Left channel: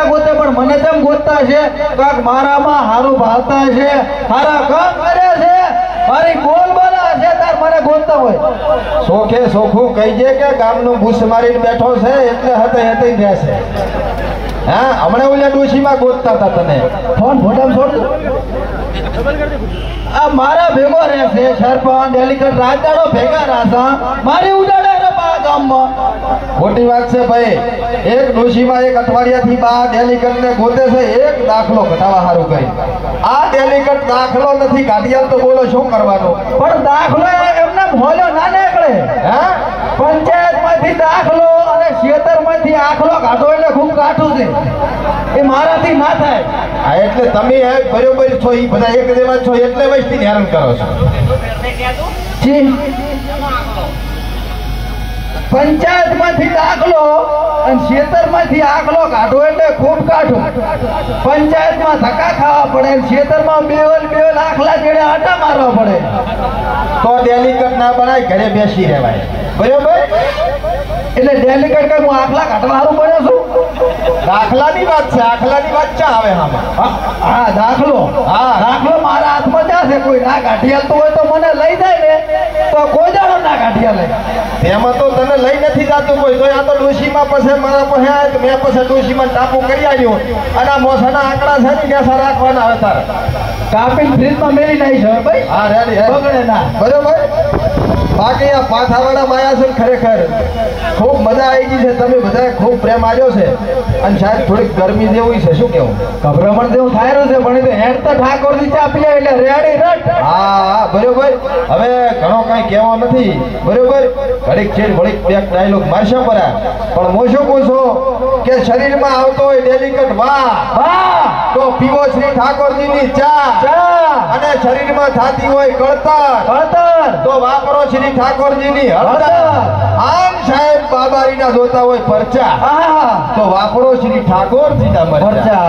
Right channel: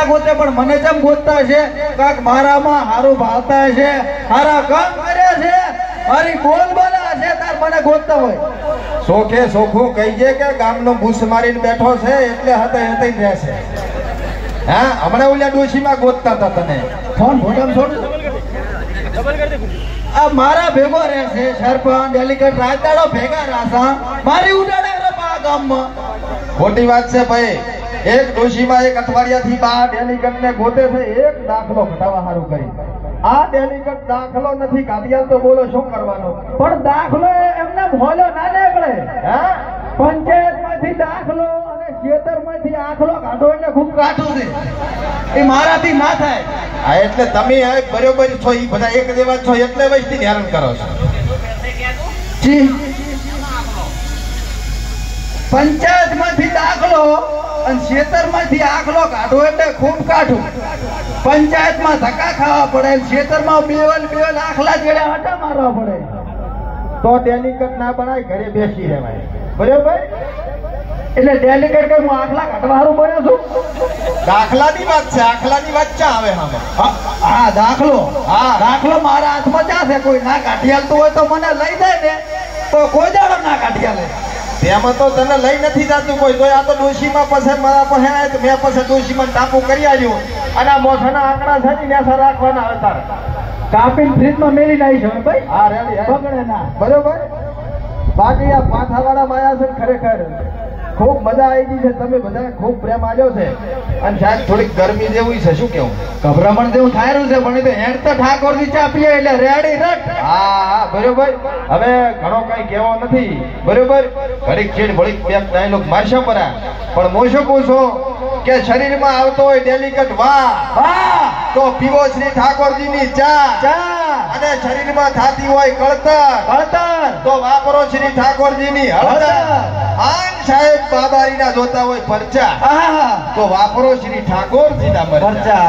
ગોતે પણ મને જેમ ગોતતા છે કાક મારામાં હારું ભાવતા છે, હારા કામ કરે છે, મારી બોલ બોલા છે તાર મને ગોતતા હોય. સોખે સોખું કહીજે કે ગામનો બુસ મારીને બેઠો છે એટલે હતે હતે રહેશે. હા હમણાં ઓલા ડોશીમાં ગોતતા હતા તને ફોન ફોટો છોડ. આ મારા ભેગો રહેશે સરપંચ ડેલીગેટ રાજદાડો ભેગા રાસા મારી ઉડાડે રે બા ગામમાં. ખોટી વાત છે ભાઈ. એક ડોશીમાં એક અઠવાડિયાથી બા ડેલીગેટ ને ગોતે છે એક દાખલો ઘટાવા હારું કરી. આ ડેલીગેટ દાખલો નથી કાઢિયા તો બોલો શું કરવાનો? પણ દાખલો એમને ભોલો ના નીકળે. હા પંચાયત માંથી દાખલો અને ખેતર માંથી આખલો કાઢો એટલે ખૂબ કાઠું છે. એ મારાથી ના થાય. હા એટલે તમે બરોબર છો એ બધા એક દેવા છો એટલે વસ્તી હેરાન કરો છો. પંચાયત માંથી દાખલો અને ખેતર માંથી આખલો કાઢો એટલે ખૂબ કાઠું. પંચાયત માં ધક્કા ખાવા પડે, ખેતર માં બેવલ આખલા જેડે આટા મારવા પડે. તો ડેલીગેટ ના બનાય ઘરે બેસી રહેવાય. બરોબર એટલે ડેલીગેટ કે હું આખલા કાઢવા હારું બન્યો છું. દાખલાની વાત છે. આખલાની વાત ચા આવે? હા દાખલો. હા દાખલો મારા હાથમાં ચા છે. કોઈ ના કાઢી હાલતું હોય તો મને લઈ જાય ને તો કોઈ દાડો ના કાઢી હાલે. એમાં તો તને લઈ નથી જતું કોઈ. તો આ તો ડોશીમાં પછી મારા પાસે આવ્યા મેં પછી ડોશીમાં ટાપુ કરી આવ્યું અને આ મોસાના આંકડા છે ને કેસા રાખવાના હવે તારે કાપીને ફ્રીજમાં મેલી નાખી છે ભાઈ. હા રેડી બગડે ના. બરોબર. બાકી આ પાથાવાળા માયા છે ખરેખર ખૂબ મજા આવી ગઈ છે. તમે બધાએ ખૂબ પ્રેમ આવ્યો છે અને સાહેબ થોડીક ગરમી જેવું છે. શું કેવું? ગભરામણ જેવું થાયરું છે પણ હેડ તો ઠાકોર ની ચા પીએ એટલે રેડી રટ. હા બરોબર. હવે ઘણો કઈ કહેવો નથી. બરોબર. ઘડીક છેડ ઘડીક બે ડાયલોગ મારશો પરા પણ હું શું કહું છું કે શરીરમાં આવતો હોય ડેલીગેટ વાહ વાહ તો પીવો શ્રી ઠાકોરજી ની ચા અને શરીરમાં થાતી હોય કળતર તો વાપરો શ્રી ઠાકોરજી ની હળદર. આમ સાહેબ બાબારીના જોતા હોય પરચા તો વાપરો શ્રી ઠાકોરજી ના મરચા.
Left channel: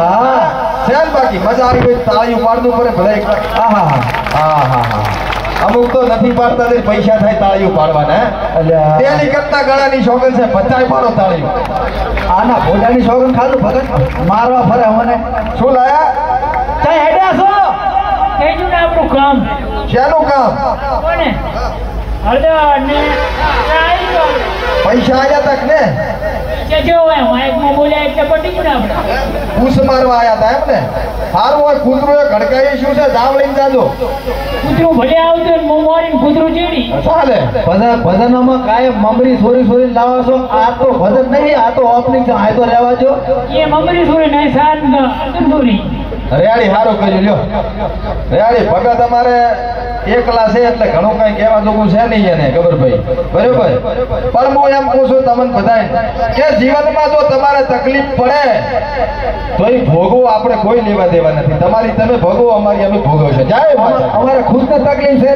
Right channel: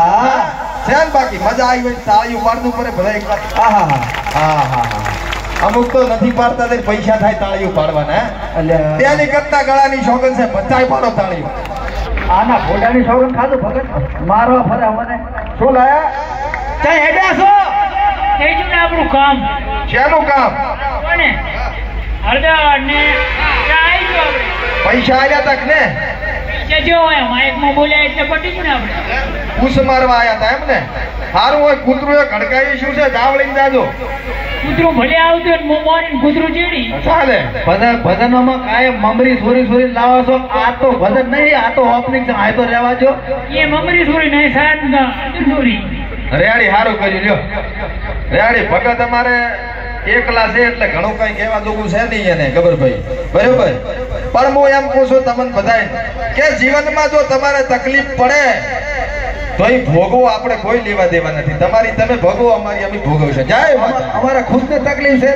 સાહેબ બાકી મજા આવી ગઈ. તાળીઓ પાડવું પડે ભલે. હા અમુક તો નથી પાડતા ને પૈસા થાય તાળીઓ પાડવાના. ડેલી કરતા ગળાની શોખન છે 50 પાડો તાળીઓ. આના ફોટાની શોખન ખાધું ભગત મારવા ફરે મને. શું લાયા? ચાલ હેડ્યા છો થઈ ગયું ને આપણું કામ. શેનું કામ? કોને હળદર ને ચાઈ ગયો. પૈસા આવ્યા તક ને જે જો હોય માઇકમાં બોલ્યા એટલે પટી ગયું આપણે. પૂછ મારવા આવ્યા હતા એમ ને? સારું હોય. કૂતરું એ ઘડકાયું શું છે? દાવ લઈને જાજો. કૂતરું ભલે આવતું ને હું મારીને કૂતરું ચીડી ચાલે. ભજનોમાં કાયમ મમરી સોરી લાવો છો. આ તો ભજન નહીં, આ તો ઓપનિંગ છે. આ તો રહેવા દો. એ મમરી સોરી નહીં સાહેબ સોરી. રેડી સારું કર્યું લ્યો. રેડી ભગત અમારે એકલા છે એટલે ઘણું કઈ કહેવા જોગું છે નહીં એને ખબર ભાઈ. બરોબર. પણ હું એમ કહું છું તમને બધાય કે જીવનમાં જો તમારે તકલીફ પડે તો એ ભોગવું આપણે કોઈ લેવા દેવા નથી. તમારી તમે ભોગવો, અમારી અમે ભોગવશે. જાય અમારે ખુદ ને તકલીફ છે